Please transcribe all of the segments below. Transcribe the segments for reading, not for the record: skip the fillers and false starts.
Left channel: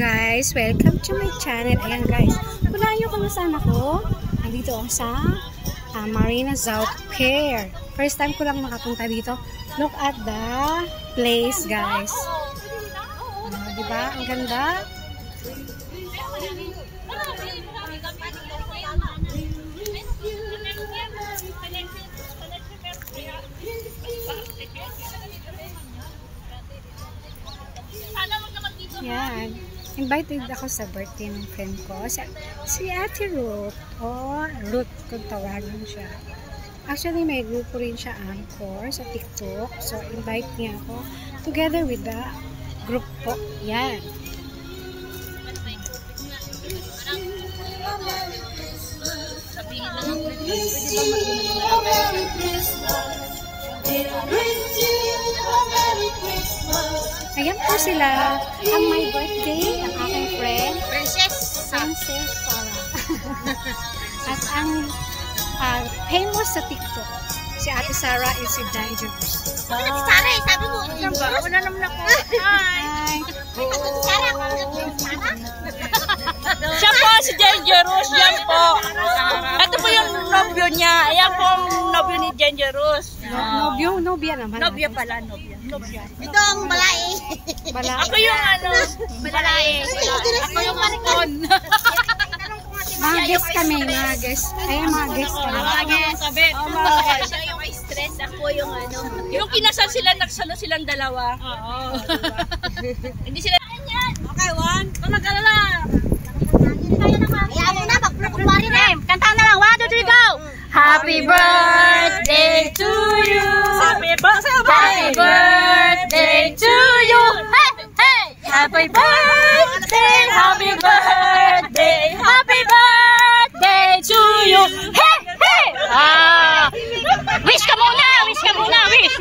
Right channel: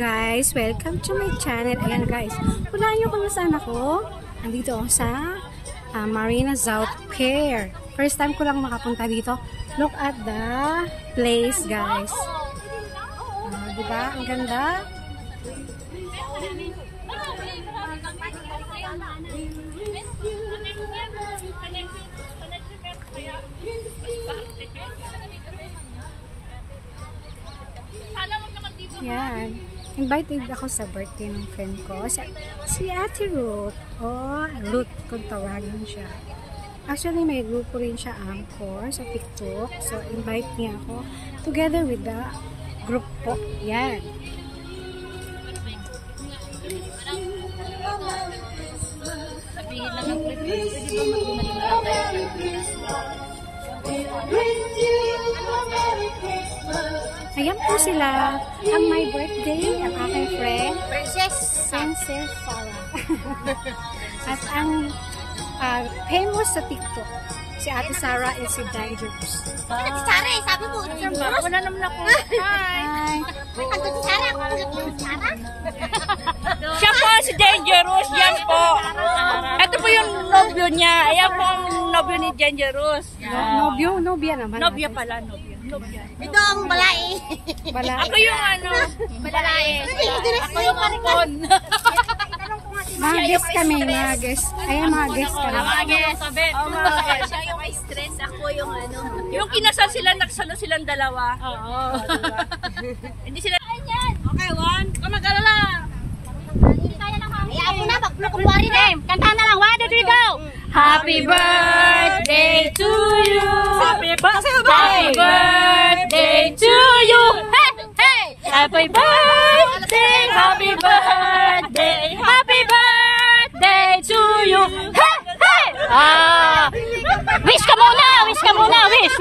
guys, welcome to my channel. Ayan guys, hulaan nyo kung saan ako. Nandito ako sa Marina South Pier. First time ko lang makapunta dito. Look at the place guys. Diba? Ang ganda. Yan. Invited ako sa birthday ng friend ko. Si Ate Ruth. Oh, Ruth kung tawagan siya. Actually, may grupo rin siya Anchor sa TikTok. So, invite niya ako together with the group po. Yan. Sabihin lang ang ayan po sila. Ang my birthday, ang aking friend, Princess Sarah. At ang famous sa TikTok, si Ate Sarah is si Dangerous. Ate Sarah eh, sabi mo. Wala naman ako. Hi. Ate Sarah, Sarah? Siya po si Dangerous, yan po. Ito po yung nobyo niya. Ayan po ang nobyo ni Dangerous. Nobya naman. Nobya pala, nobya. Ito ang balai. Ako yung balai. Ako yung marikon. Mga guest kami, mga guest. Ayan, mga guest kami. Mga guest. Siya yung may stress, ako yung Yung kinasal sila, nagsalo silang dalawa. Oo. Hindi sila. Okay, one. Mag-alala. Ayaw mo na, magpukumari na. Kantahan na lang, 1, 2, 3, go! Happy birthday to you. Happy birthday to you. Hey, hey. Happy birthday. Happy birthday. Happy birthday to you. Hey, hey. Wish ka muna. Wish ka muna. Wish.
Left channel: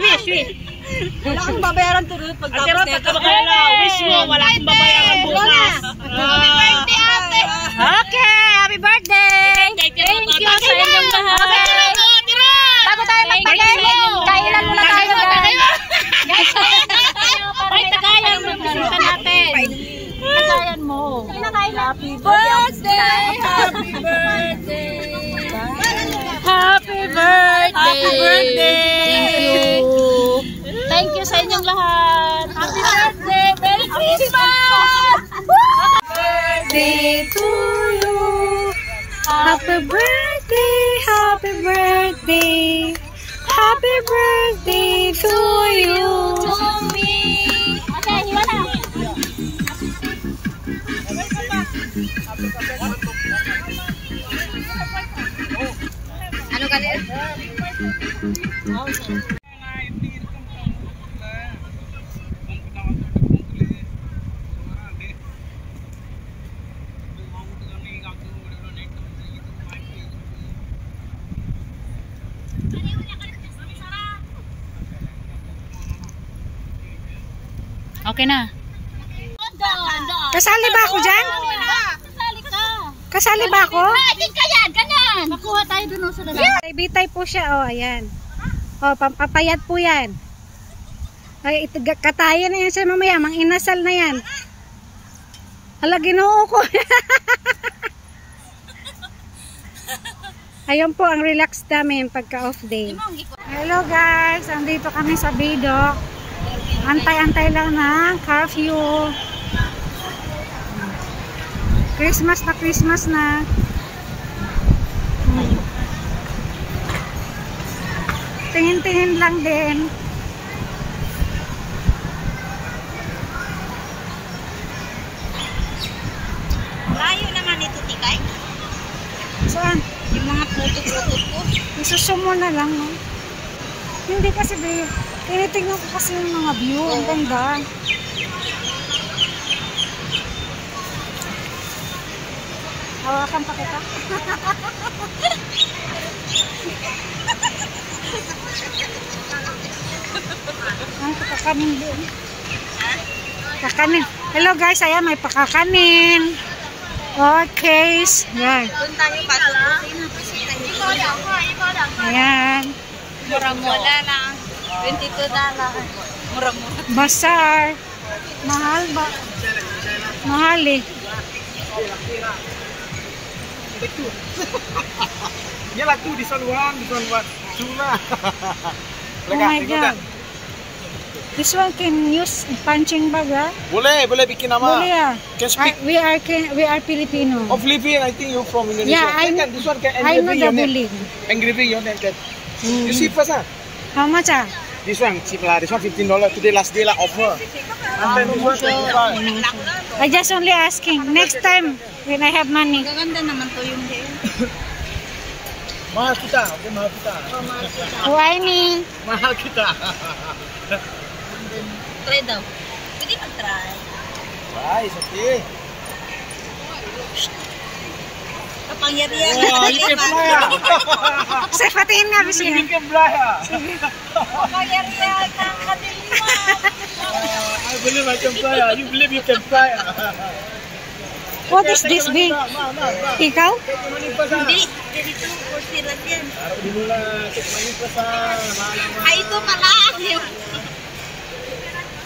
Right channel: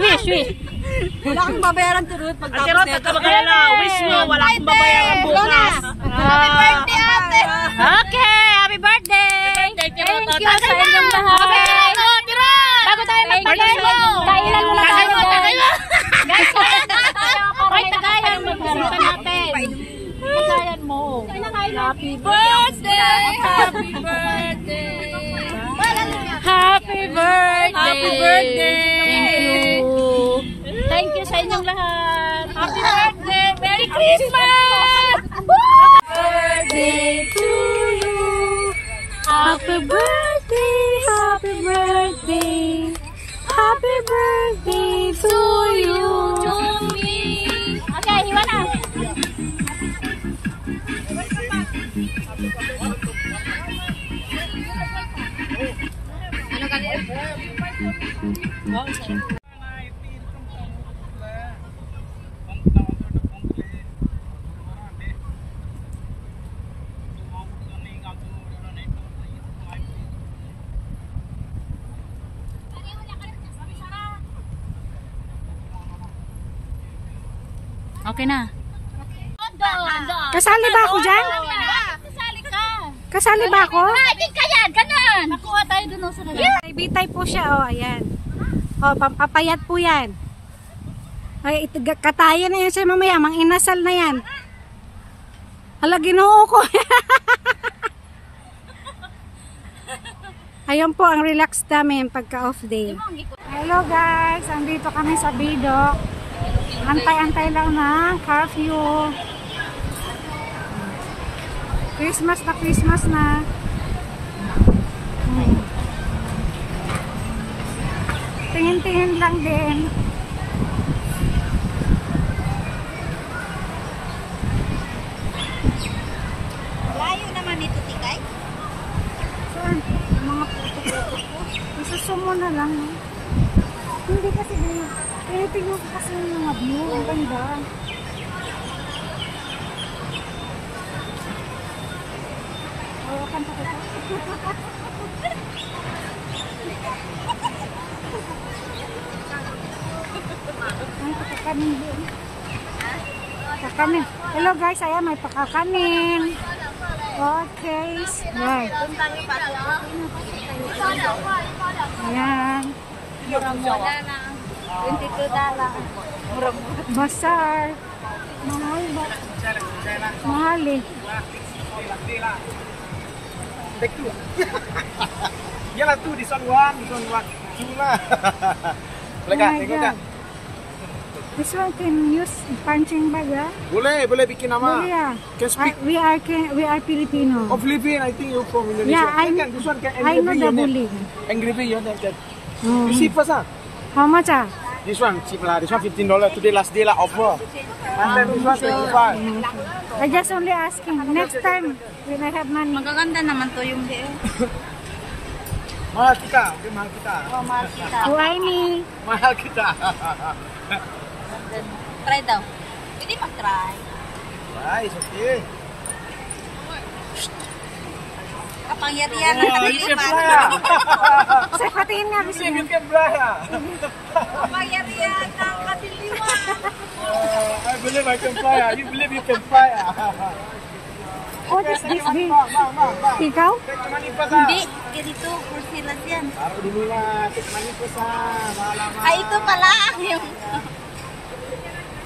Wala kang babayaran turut pagtapos nito. Wish mo. Wala kang babayaran bukas. Happy birthday, ate. Okay. Happy birthday. Thank you sa inyong lahat. Bago tayo magpagay, kailan muna tayo guys. Ay, tagayan mo. Bisita natin. Tagayan mo. Happy birthday. Happy birthday. Happy birthday. Thank you. Thank you sa inyong lahat. Happy birthday. Merry Christmas. Birthday to you. Happy birthday, happy birthday, happy birthday to you. To me. Okay, hiwa na. Ano ka din? Okay na. Kasali ba ako dyan? Kasali ka. Kasali ba ako? Atin ka yan, ganon. Makuha tayo dun sa dalawa. Yeah. Bitay po siya, oh, ayan. Oh, pampapayat po yan. Ay, katayan na yan siya mamaya, mang inasal na yan. Hala, ginoo ko. Ayun po ang relax namin pagka off day. Hello guys, andito kami sa Bidok. Antay-antay lang na curfew. Christmas na. Tingin-tingin lang din. Layo naman ito, Tikay. Saan? Yung mga puto-puto ko. Isusumo na lang, no? Hindi kasi, babe. Tinitignan ko kasi yung mga view. Ang ganda. Hawakan pa kita. Ay, pakakanin din. Kakanin. Hello guys, ayan may pakakanin. Okay. Yan. Doon tayo pa. Ayan. Mura-mura lang. $22. Mura-mura. Bazaar. Mahal ba? Mahal eh. Take two. Yalah two, this one one, this one what? Two lah. Oh my God. This one can use punching bag, ah? Boleh bikin nama. Boleh ah. Can speak. We are Filipino. Oh, Philippine, I think you're from Indonesia. Yeah, this one can I know engraving the your name. bullying. Engraving your name can. You see first ah. How much ah? This one cheap lah. This one $15. Today last day lah offer. I just only asking. Next time when I have money. Magaganda naman to yung day. Mahal kita, okay, mahal kita. Oh, mahal kita. Why me? Mahal kita. Try daw. Hindi mag-try. Nice, okay. Kapangyarihan Oh, you can fly ah. Say, patingin nga, Biso. You can fly ah. Kapangyarihan ng kadiliman. I believe I can fly ah. You believe you can fly ah. What is this, Big? Ikaw? Take money first ah. Hindi. Dito, kursilas yan. Taruh dulu lah. Take money first ah. Mahal-mahal. Ay, ito pala.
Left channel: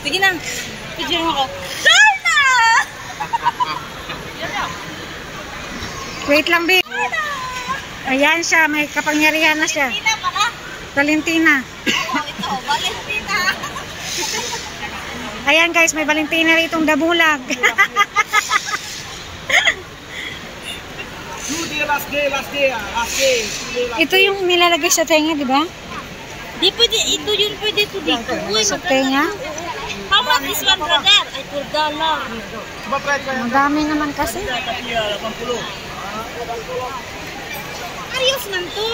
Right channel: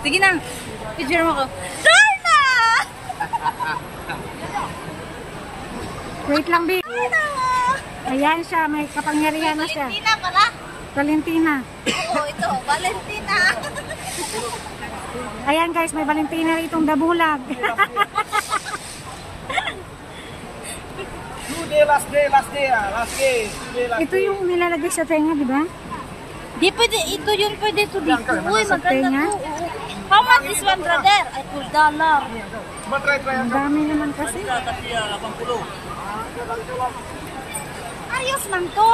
Sige na. Picture mo ko. Darna! Wait lang, Big. Ayan siya, may kapangyarihan na siya. Valentina pala. Valentina. Oo, ito. Valentina. Ayan guys, may Valentina ritong dabulag. Last day ah. Last day. Ito yung nilalagay sa tenga, di ba? Di pwede, ito yun pwede ito dito. Uy, Sa tenga? how much this one, brother? Ay, $12. Coba try ko yan. Madami naman kasi. Ayos man to.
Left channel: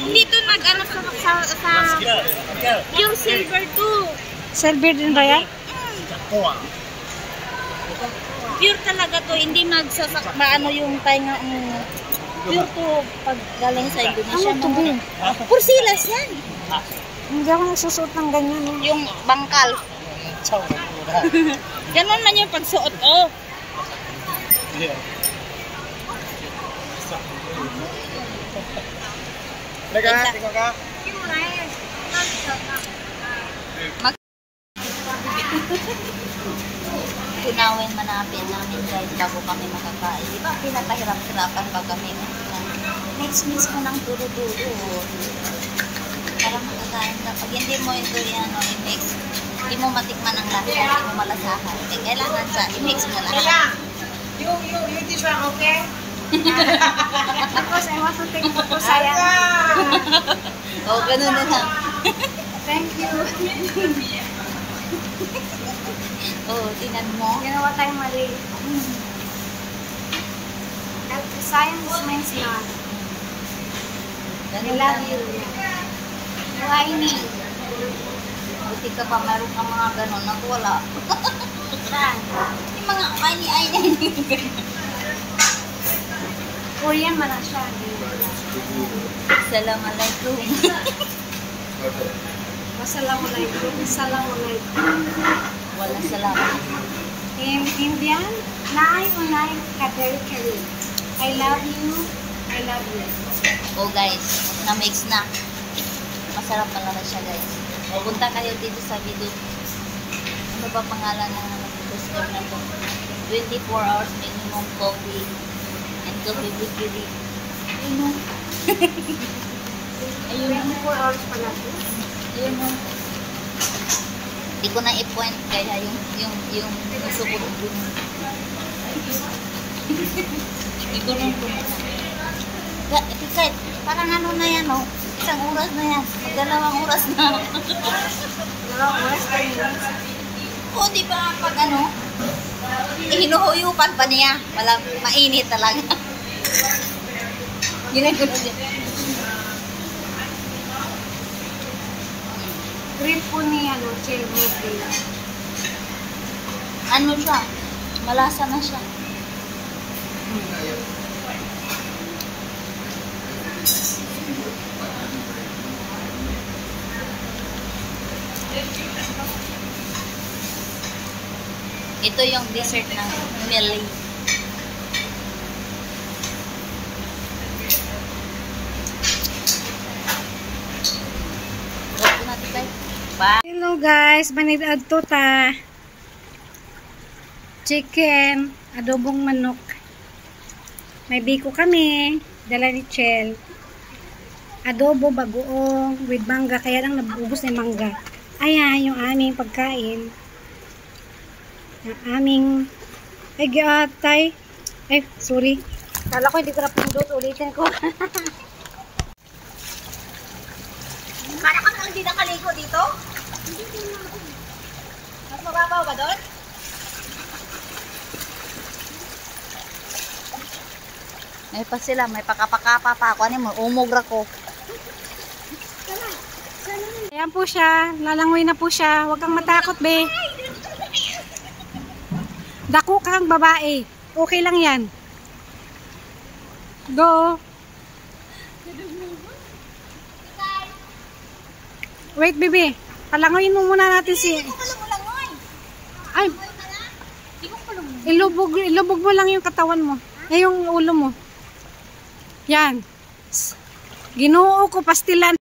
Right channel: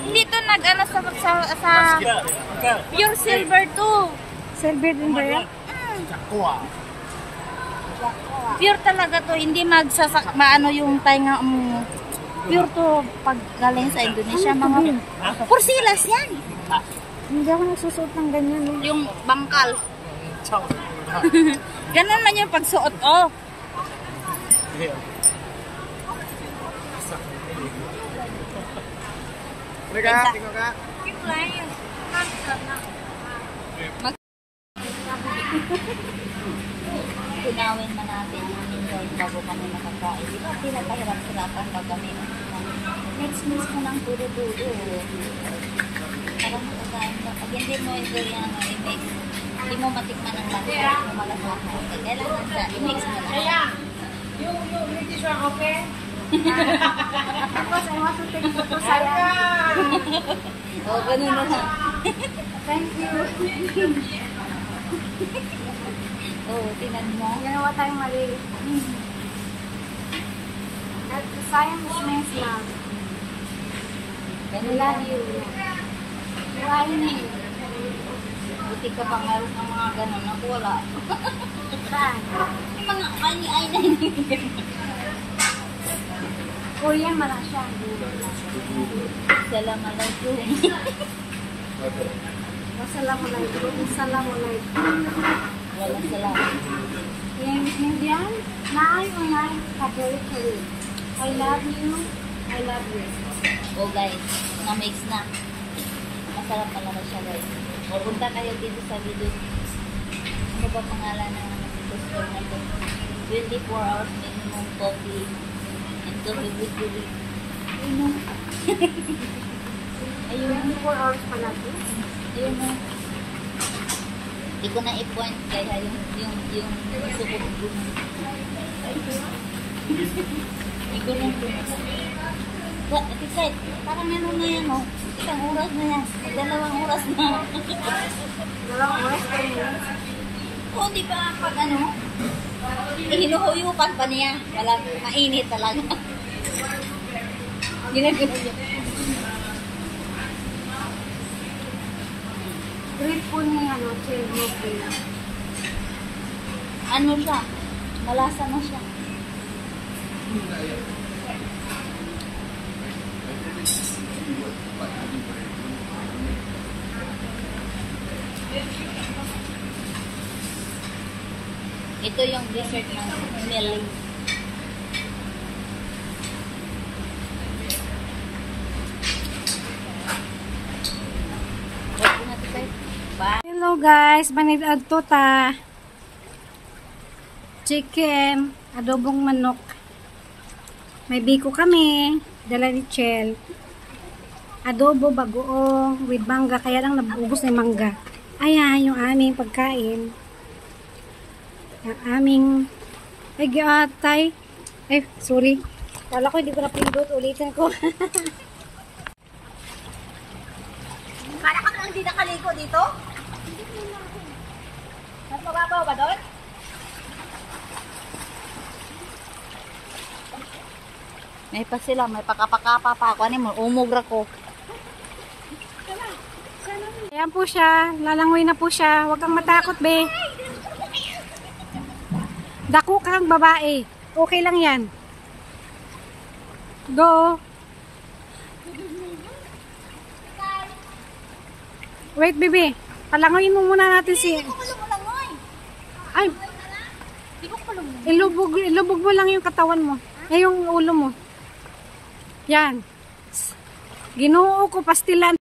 Hindi to nag-ano sa pure silver to. Silver din ba yan? Pure talaga to. Hindi maano yung tainga. Pure to pag galing sa Indonesia. Ano to, Big? Kursilas yan. Hindi ako nagsusuot ng ganyan. Eh. Yung bangkal. Ganun man yung pagsuot. Oh. Tunawin manapin namin guys bago kami makakain. Di ba pinapahirap-hirapan pa kami mix mo ng duro-duro para makakain ka. Pag hindi mo ito i-mix, hindi mo matikman ang lasa, hindi mo malasahan. Eh, kailangan siya, i-mix mo lahat. You this one, okay? Because I want to take photo saya. Oh, ganun na lang. Thank you. Oh, tinan mo. Ginawa tayong mali. Sayang is means na. I love you. Why ni? Buti ka pa, meron ka mga ganon. Ako wala. Saan? Yung mga ay Korean man na siya. Assalamualaikum. Wassalamualaikum. Assalamualaikum. Wala salamat. In Indian, Nai Unai Kaderi Kari. I love you. I love you. Oh guys, na-mix na. Masarap pala na siya guys. Punta kayo dito sa video. Ano ba pangalan ng restaurant na to? 24 hours minimum coffee and coffee with chili. Ayun o. Ayun o. 24 hours pala to. Ayun o. Hindi ko na i-point kaya yung sukot ko. Igurong ko na lang. Kahit parang ano na yan o. Isang oras na yan. Dalawang oras na. Dalawang oras, 10 minutes. O, di ba pag ano, hinuhuyupan pa niya. Mainit talaga. Ginagano niya. Great po ni Chernobyl. Ano siya? Malasa na siya. Ito yung dessert ng Millie. Hello guys, manid adto ta. chicken, adobong manok. May biko kami, dala ni Chel. Adobo bagoong with mangga, kaya lang nabubos na yung mangga. Ayan yung aming pagkain. Ang aming ay, sorry. Kala ko hindi ko na pinudot, ulitin ko. Para ka hindi nakaligo dito? Mas mababaw ba doon? May pa sila, may pakapakapa pa ako. Ano mo, umugra ko. Ayan po siya, lalangoy na po siya. Huwag kang matakot, be. Dako kang babae. Okay lang yan. Go. Wait, baby. Palangoyin mo muna natin si... Hindi ko kalulangoy. Ay, Hindi ko kalulangoy. ilubog mo lang yung katawan mo. Ay, yung ulo mo. Yan. Ginoo ko, pastilan.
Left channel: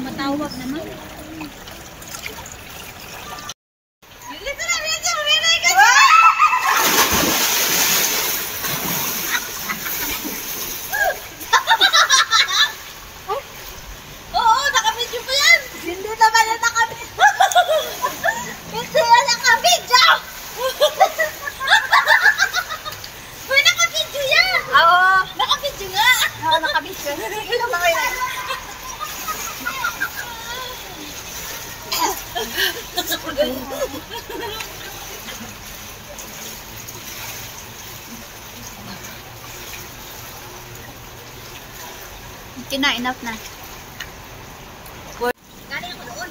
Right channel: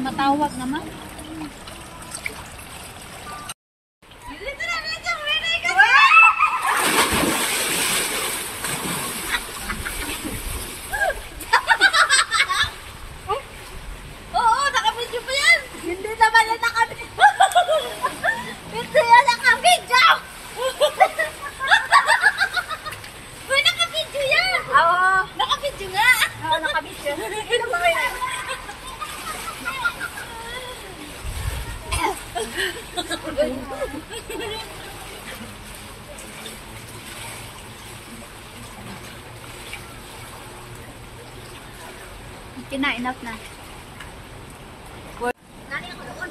Matawag naman. Oo, nakabidyo pa yan. Hindi naman yan nakabidyo. Hindi yan nakabidyo. Uy, nakabidyo yan. Oo. Nakabidyo nga. Oo, nakabidyo. Ito ba kayo? Enough na. Galing ako doon.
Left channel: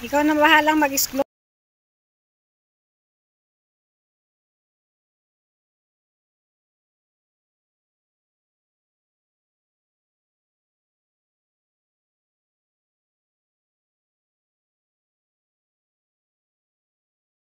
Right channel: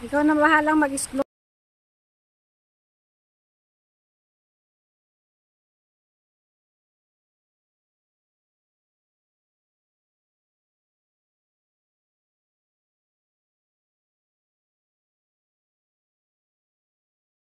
Ikaw na bahalang mag-explore.